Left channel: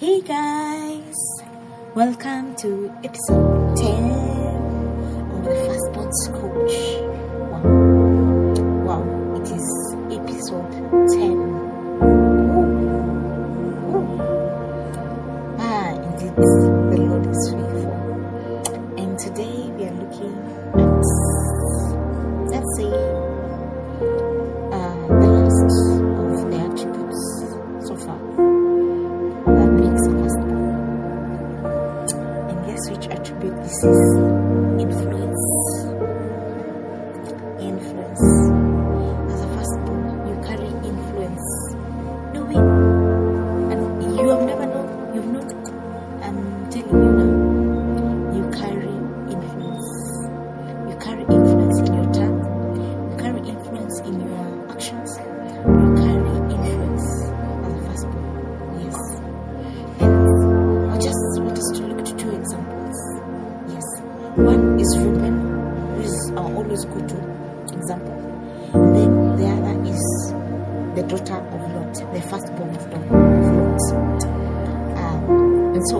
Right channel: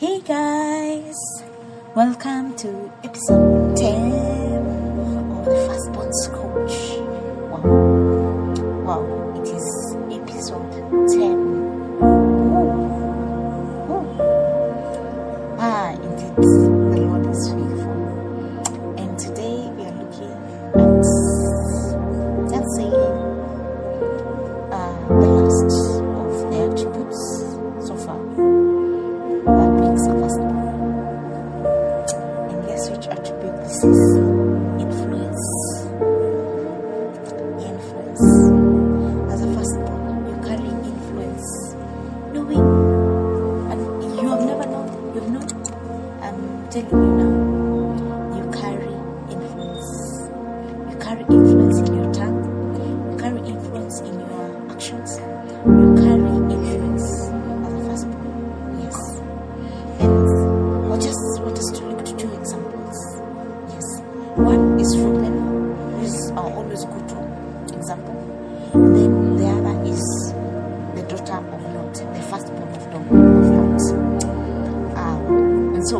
Hey guys, welcome to episode 10 of the Firstborn's Coach. Wow, it is episode 10. Indeed, the Lord is faithful. And today we are looking at, let's say, the last of the attributes so far that makes a firstborn. And guess which attribute this is? Influence. As a firstborn, you carry influence. Knowing, and you have never known, you've known. I'm telling you now, you carry influence. You carry influence in your tongue. You carry influence in your actions. You carry influence as a firstborn. Yes. And I just want us to look at two examples. Yes. One is Reuben, who is our always go-to example. And then the other is the daughter of Lot, the firstborn of Lot. And so,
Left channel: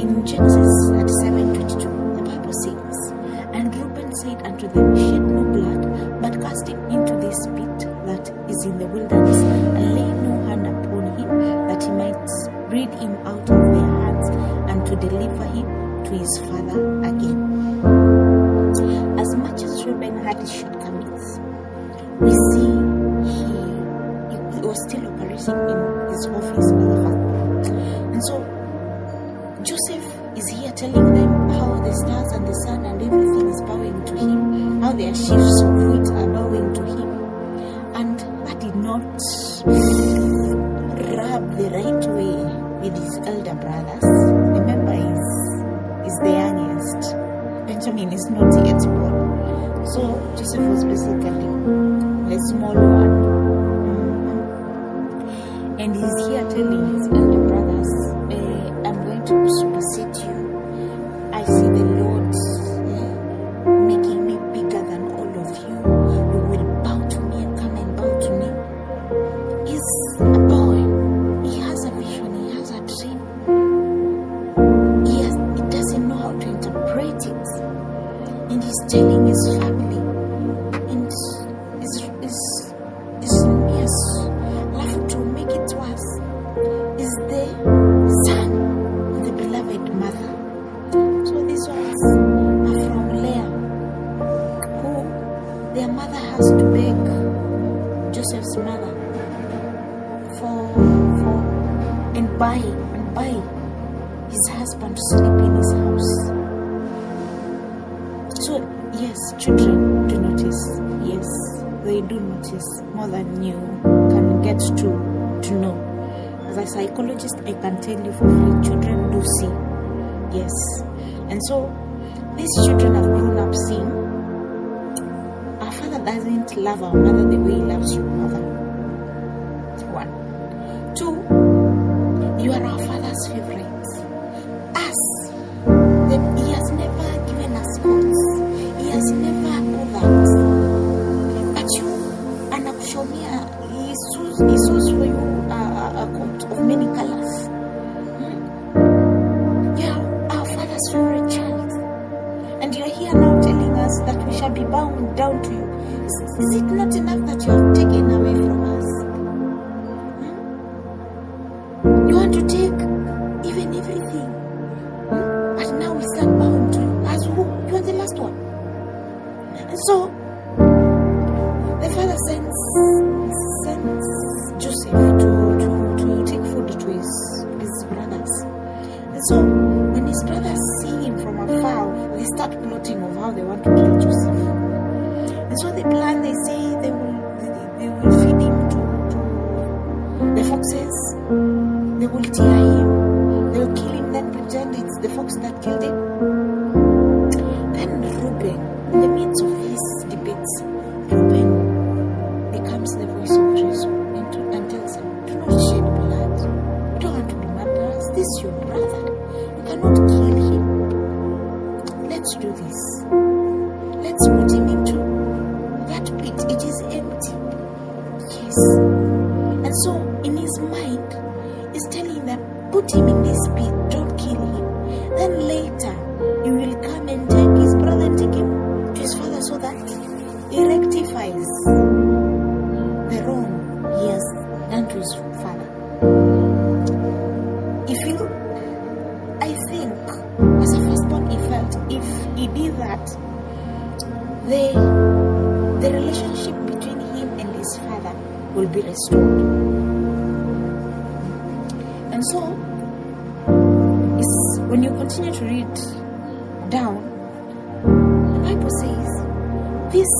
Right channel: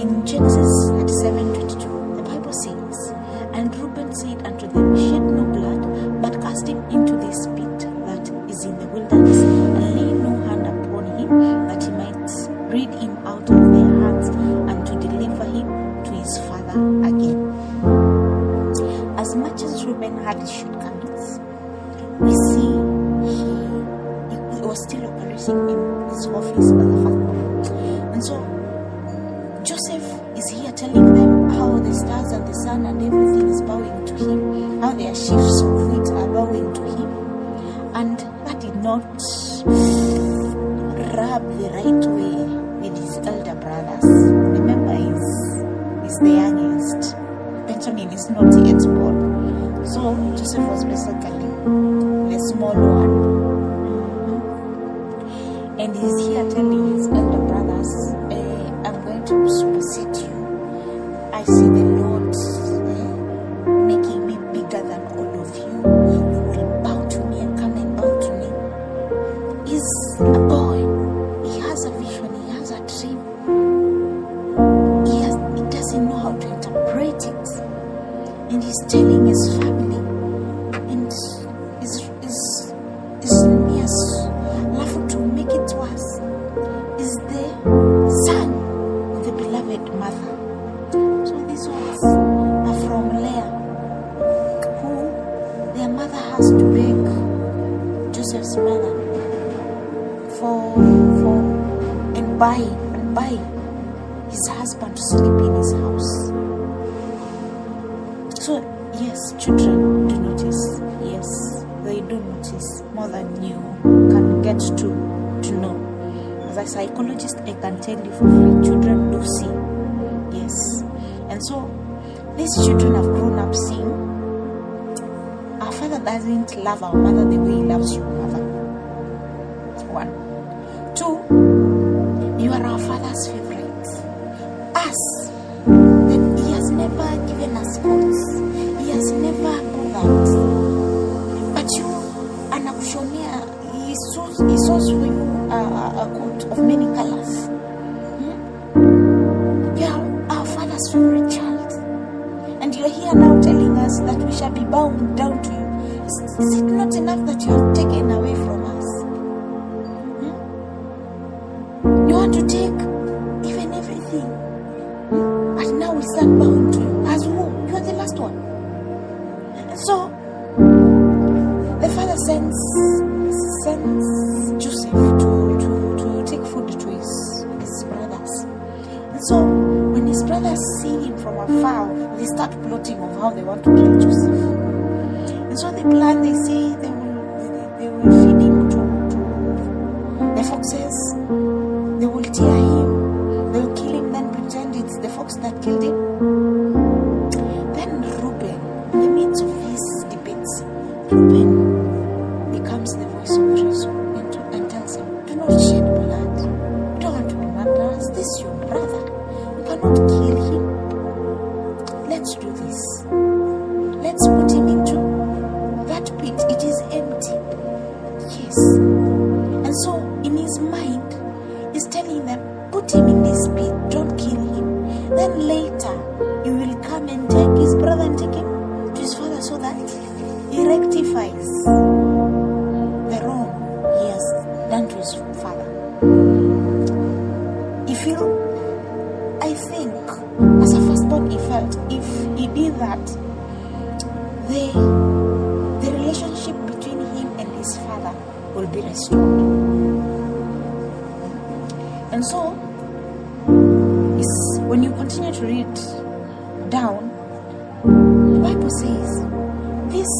in Genesis 37:22, the Bible says, "And Reuben said unto them, Shed no blood, but cast him into this pit that is in the wilderness, and lay no hand upon him, that he might rid him out of their hands, and to deliver him to his father again." As much as Reuben had his shortcomings, we see he was still operating in his office as a firstborn. And so Joseph is here telling them how the stars and the sun and everything is bowing to him, how their sheaves of wheat are bowing to him. And that did not rub the right way with his elder brothers. Remember, he's the youngest. Benjamin is not yet born. So Joseph was basically the small one. And he's here telling his elder brothers, I'm going to supersede you. I see the Lord making me bigger than all of you. You will bow to me and come and bow to me. He's a boy. He has a vision. He has a dream. He doesn't know how to interpret it. And he's telling his family, and his nears, laughing to make it worse, is the son of the beloved mother. So these words are from Leah, who their mother has to beg Joseph's mother and buy his husband to sleep in his house. So yes, children do notice. Yes, they do notice more than you can get to know. As a psychologist, I can tell you for free, children do see. Yes. And so these children have grown up seeing our father doesn't love our mother the way he loves your mother. 1. 2, you are our father's favorite. Us, that he has never given us coats. He has never bothered. But you, anakushomia, he sews for you a coat of many colors. You are our father's favorite child. And you are here now telling us that we shall be bowing down to you. Is it not enough that you have taken away from us? You want to take even everything. And now we start bowing to you. As who? You are the last one. And so, the father sends Joseph to take food to his brothers. And so, when his brothers see him from afar, they start plotting of how they want to kill Joseph. And so they plan, they say they will feed him to the foxes. They will tear him. They will kill him, then pretend it's the fox that killed him. Then Reuben, in the midst of these debates, Reuben becomes the voice of reason and tells him, do not shed blood. You don't want to be murderers. This is your brother. You cannot kill him. Let's do this. Let's put him into that pit. It is empty. Yes. And so in his mind, is telling them, put him in this pit, don't kill him. Then later, you will come and take his brother and take him to his father so that he rectifies the wrong he has done to his father. I think, as a firstborn, he felt if he did that, the relationship between him and his father will be restored. And so, when you continue to read down, the Bible says these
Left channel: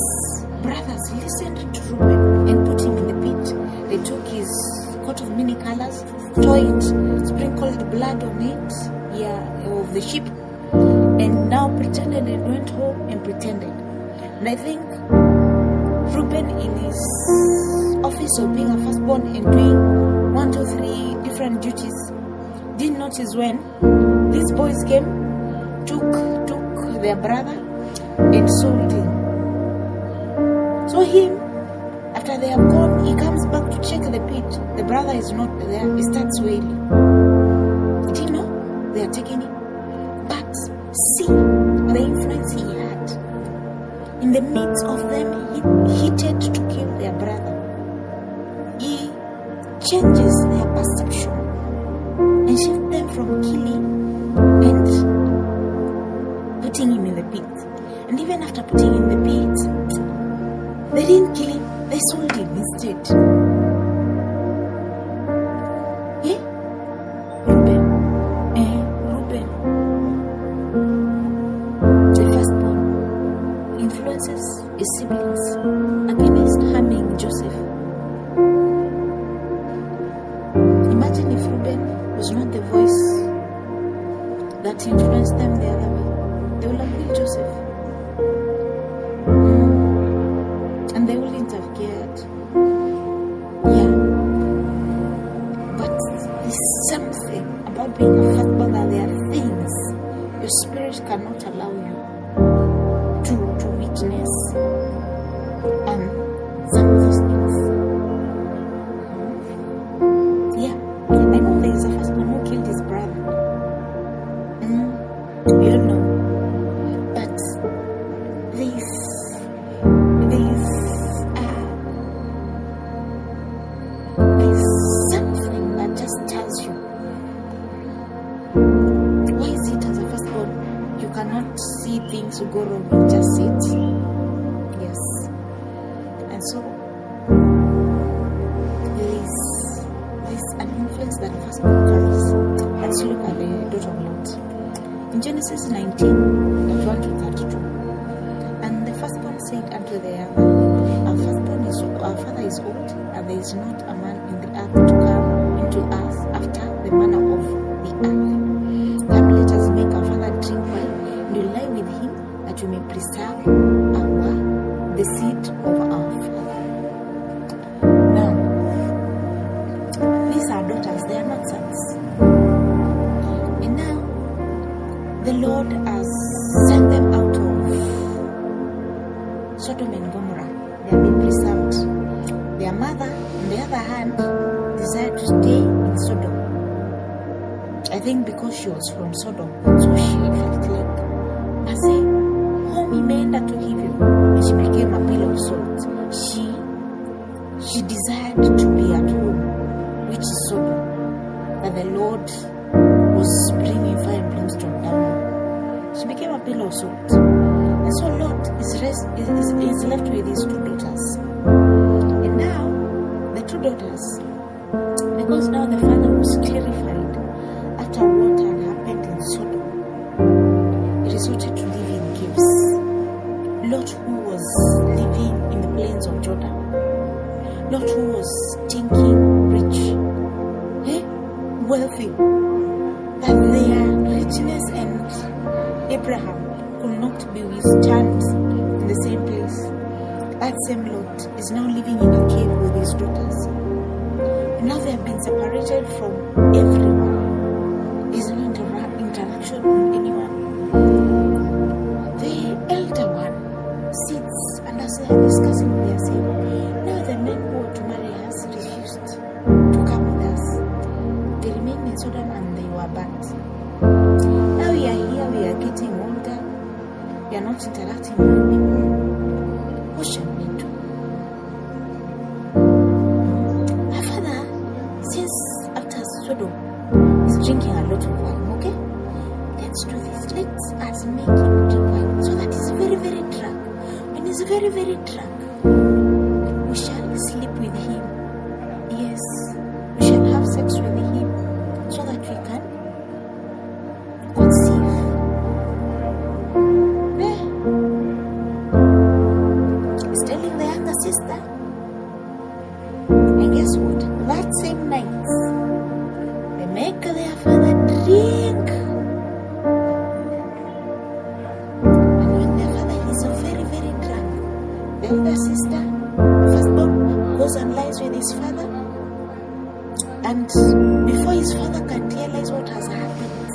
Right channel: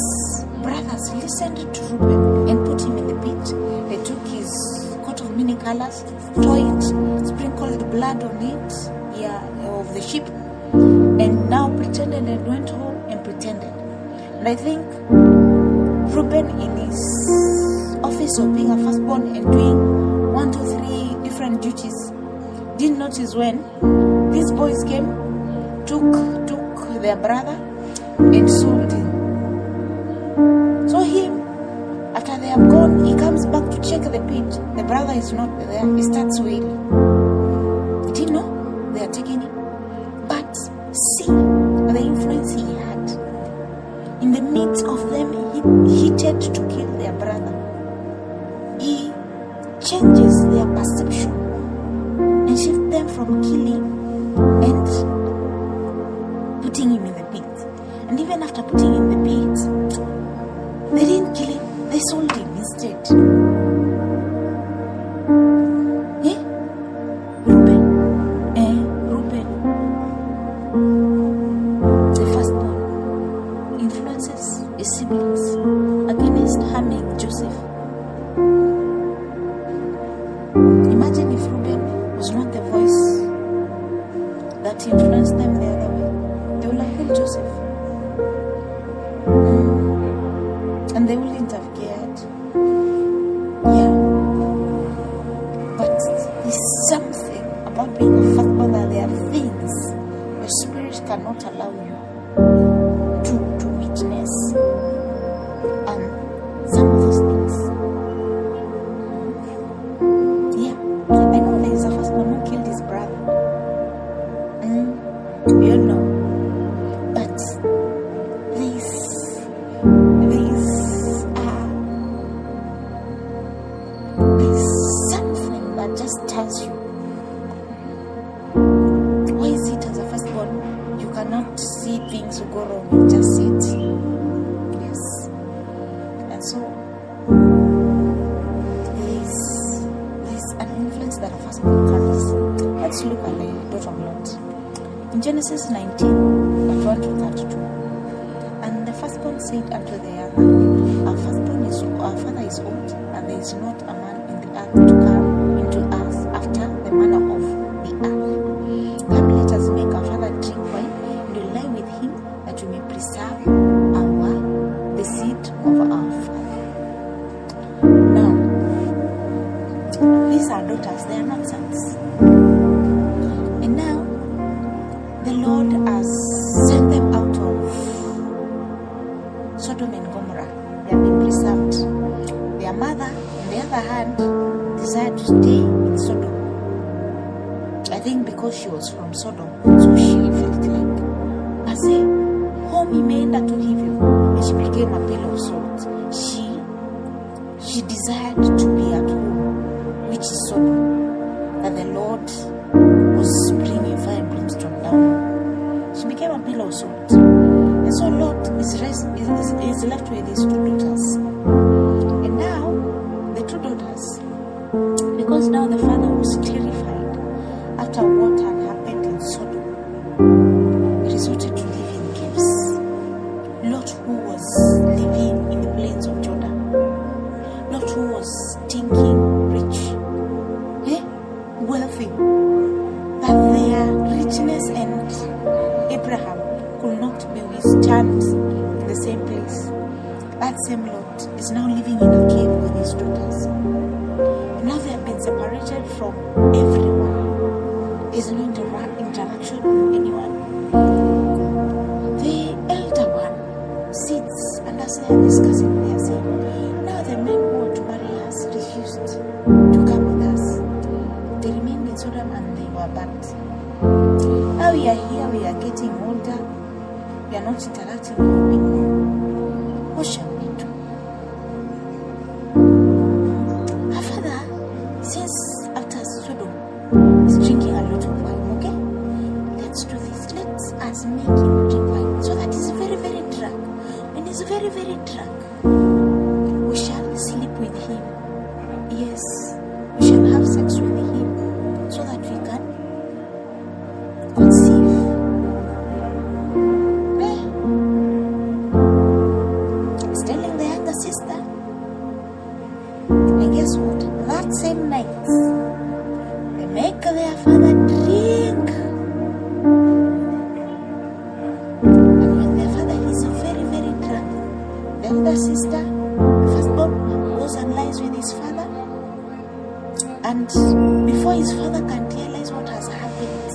brothers listened to Reuben and put him in the pit. They took his coat of many colors, tore it, sprinkled blood on it, of the sheep, and now pretended and went home and pretended. And I think Reuben, in his office of being a firstborn and doing 1, 2, 3 different duties, didn't notice when these boys came, took their brother and sold him. So him, after they have gone, he comes back to check the pit. The brother is not there. He starts wailing. He didn't know they are taking him. But see the influence he had. In the midst of them, he hated to kill their brother. He changes their perception and shifts them from killing and putting him in the pit. And even after putting him in the pit, they didn't kill him, they sold him instead. Reuben, the firstborn, influences his siblings against harming Joseph. Imagine if Reuben was not the voice that influenced them the other way. They would have killed Joseph. And they wouldn't have cared. But there's something about being a firstborn that there are things your spirit cannot allow you to witness. And some of those things. I know there is a firstborn who killed his brother. We all know. But there's something that just tells you. Why is it as a firstborn you cannot see things go wrong and just sit? Yes. And so there's an influence that a firstborn carries. Let's look at the daughter of Lot. In Genesis 19, 1 to 32. And the firstborn said unto the other, Our father is old, and there is not a man in the earth to come into us after the manner of the earth. Come, let us make our father drink wine, and we'll lie with him, that we may preserve the seed of our father. Now, these are daughters, they are not sons. And now, the Lord has sent them out of Sodom and Gomorrah. They have been preserved. Their mother, on the other hand, desired to stay in Sodom. I think because she was from Sodom, so she felt like, I say, home remained to give you. And she became a pillar of salt. She desired to be at home, which is Sodom, that the Lord was bringing fire and brimstone down. She became a pillar of salt. And so Lot is left with his 2 daughters. And now, the 2 daughters, because now the father was terrified after what had happened in Sodom, he resorted to live in caves. Lot, who was living in the plains of Jordan, Lot, who was thinking rich, wealthy, that their richness and Abraham could not be withstood in the same place. That same Lot is now living in a cave with his daughters. And now they have been separated from everyone. There's no interaction with anyone. The elder one sits and as they are discussing, they are saying, now the men who want to marry us refused to come with us. They remained in Sodom and they were burnt. Now we are here, we are getting older, we are not interacting with people. What shall we do? Our father, since after Sodom, is drinking a lot of wine, okay? Let's do this. Let us make him drink wine so that he's very, very drunk. When he's very, very drunk, we shall sleep with him. Yes, we shall have sex with him so that we can conceive. He's telling the younger sister. And guess what? That same night, they make their father drink. And when their father is very, very drunk, the elder sister, the firstborn, goes and lies with his father. And before his father can realize what has happened,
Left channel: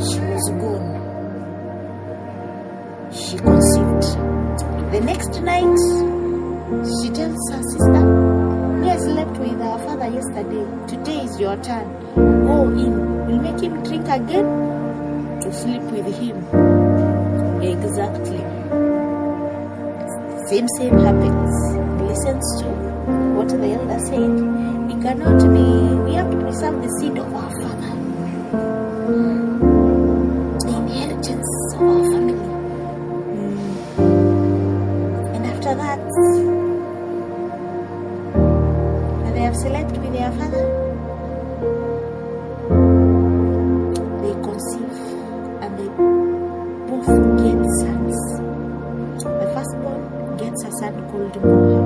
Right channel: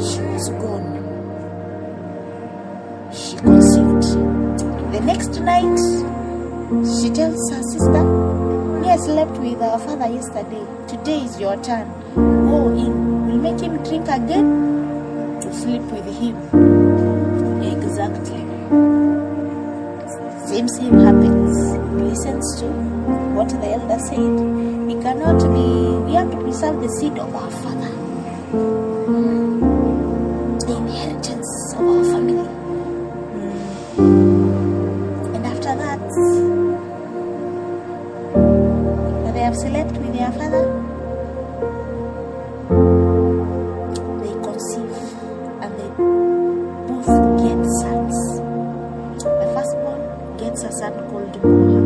she was gone. She conceived. The next night, she tells her sister, "Me, I slept with our father yesterday. Today is your turn. Go in. We'll make him drink again to sleep with him." Exactly. Same happens. He listens to what the elder said. We have to preserve the seed of our father, the inheritance of our family. And after that, when they have slept with their father, they conceive and they both get sons. The firstborn gets a son called Moab,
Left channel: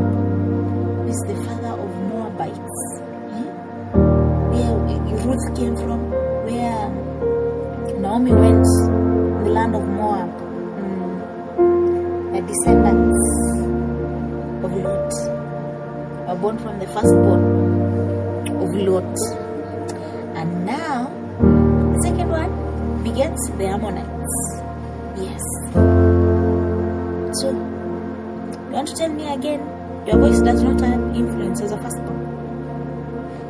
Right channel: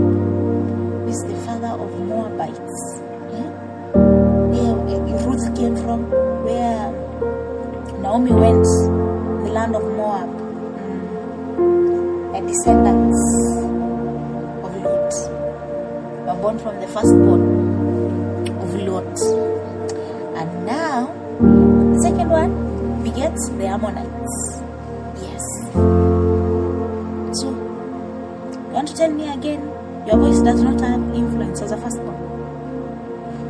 who is the father of Moabites. Where Ruth came from, where Naomi went, the land of Moab. The descendants of Lot were born from the firstborn of Lot. And now, the second one begets the Ammonites. Yes. So, you want to tell me again, your voice does not have influence as a firstborn?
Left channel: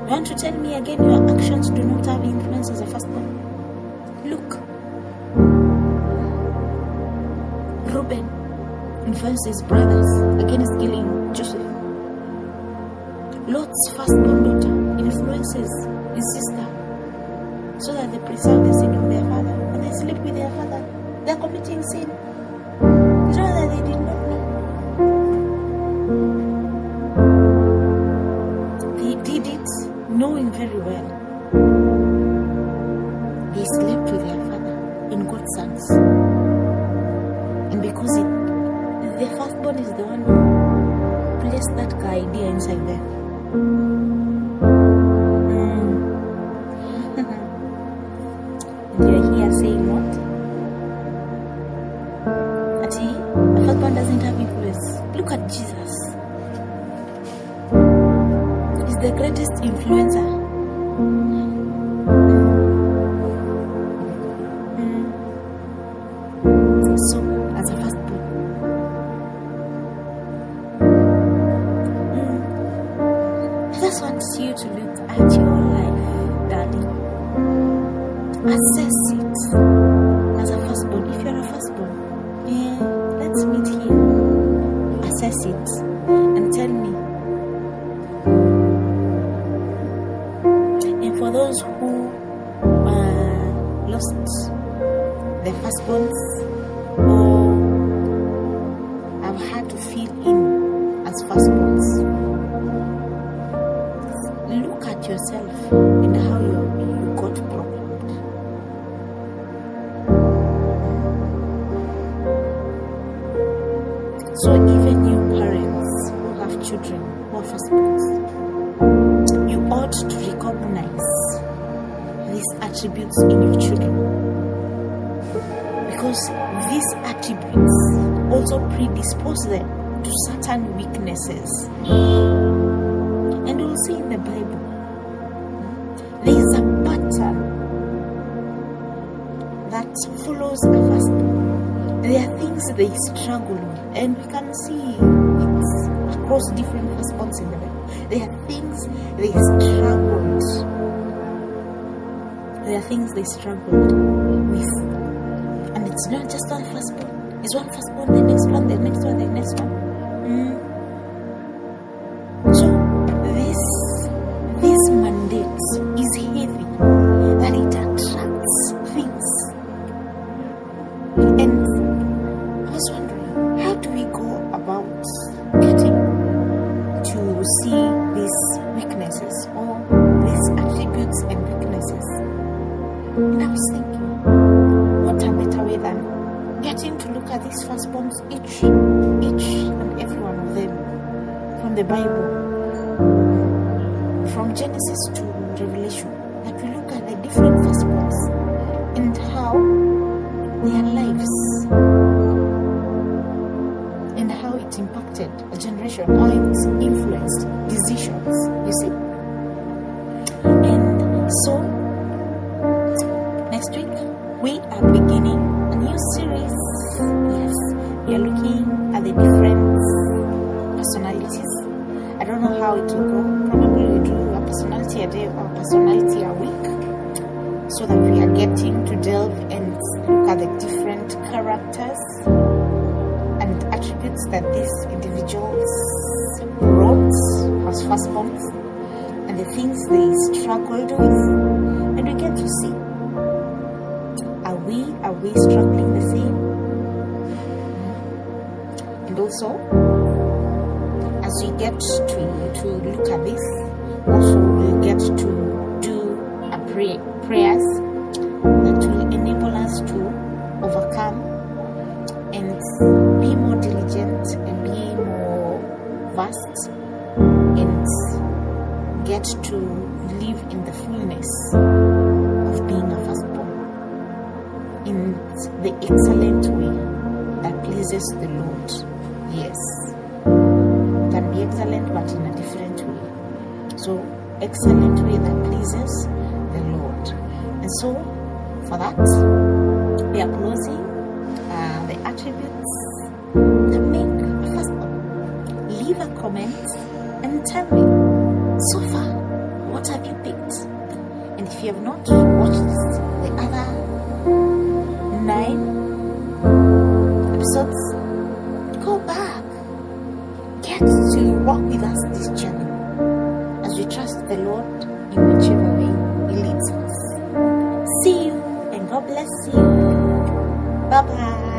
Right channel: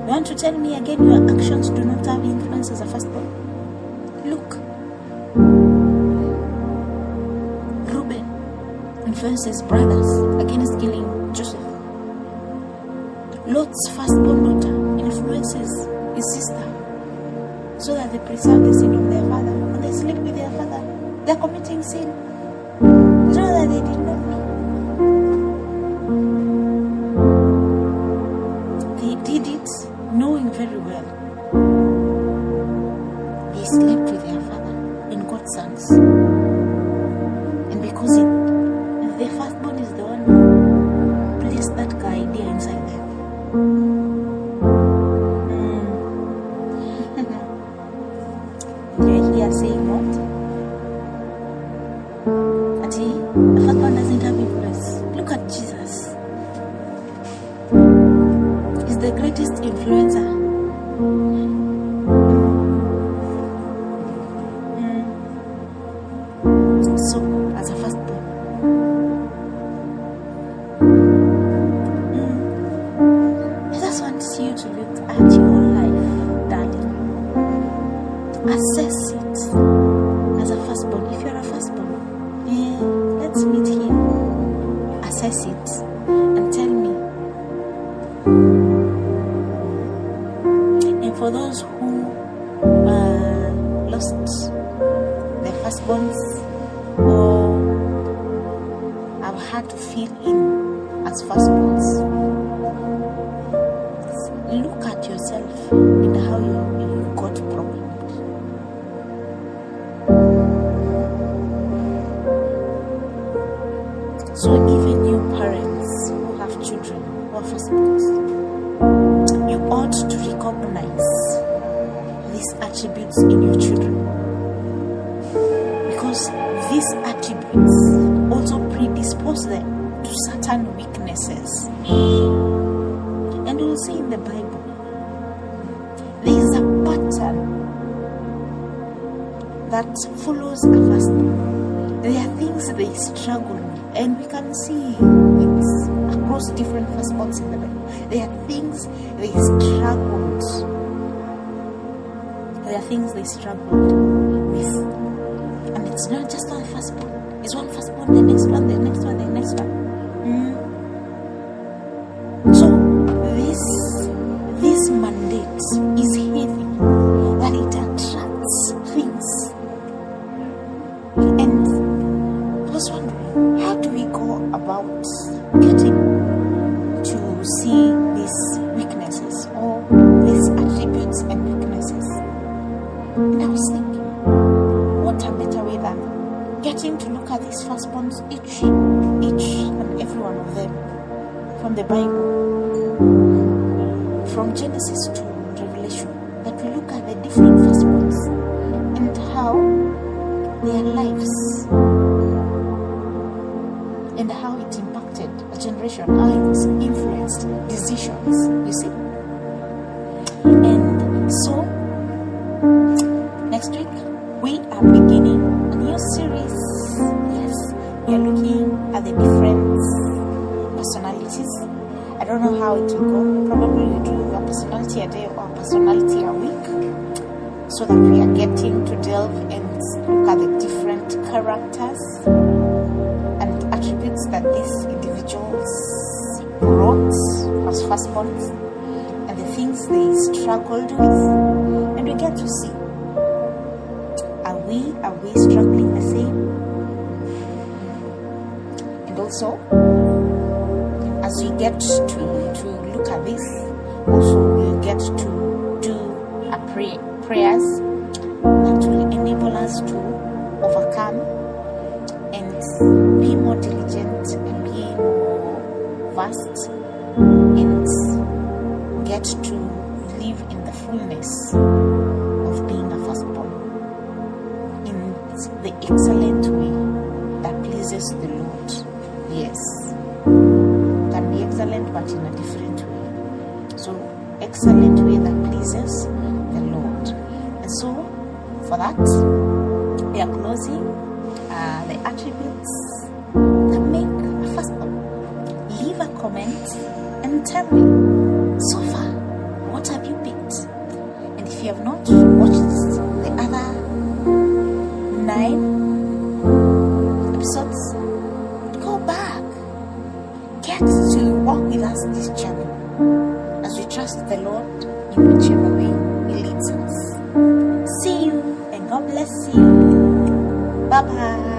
You want to tell me again, your actions do not have influence as a firstborn? Look. Reuben influenced his brothers against killing Joseph. Lot's firstborn daughter influences his sister so that they preserve the sin of their father. When they sleep with their father, they are committing sin. It's not that they did not know. They did it knowing very well. They slept with their father and got sons. And because the firstborn is the one who placed that idea inside them. And you're here saying what? The firstborn doesn't have influence. Look at Jesus. He's the greatest influencer. So, as a firstborn, I just want you to look at your life, darling. Assess it as a firstborn. If you're a firstborn, let's meet here. Assess it and tell me. And for those who lost their firstborns or have had to fill in as firstborns, look at yourself and how you got problems. So even you parents who have children who are firstborns, you ought to recognize these attributes in your children, because these attributes also predispose them to certain weaknesses. And we'll see in the Bible, there is a pattern that follows a firstborn. There are things they struggle with, and we can see it across different firstborns in the Bible. There are things they struggled. There are things they struggled with. And it's not just one firstborn. It's one firstborn, the next one, the next one, the next one. So this mandate is heavy, that it attracts things. And I was wondering, how do we go about getting to see these weaknesses or these attributes and weaknesses? And I was thinking, what a better way than getting to look at these firstborns, each and every one of them, from the Bible, from Genesis to Revelation, that we look at the different firstborns and how their lives and how it impacted a generation, how it influenced decisions, you see. And so next week we are beginning a new series. Yes, we are looking at the different personalities. I don't know how it will go. Probably we do a personality a day or a personality a week, so that we are getting to delve and look at the different characters and attributes that these individuals brought as firstborns and the things they struggled with. And we get to see, are we struggling the same? And also, as we get to look at this, also we'll get to do a prayers that will enable us to overcome and be more diligent and be more vast and get to live in the fullness of being a firstborn in the excellent way that pleases the Lord. Yes, can be excellent but in a different way. So excellent way that pleases the Lord. And so for that we are closing the attributes that make a firstborn. Leave a comment and tell me, so far, what have you picked? And if you have not watched the other 9 episodes, go back. Get to walk with us this journey as we trust the Lord in whichever way He leads us. See you and God bless you. Bye bye.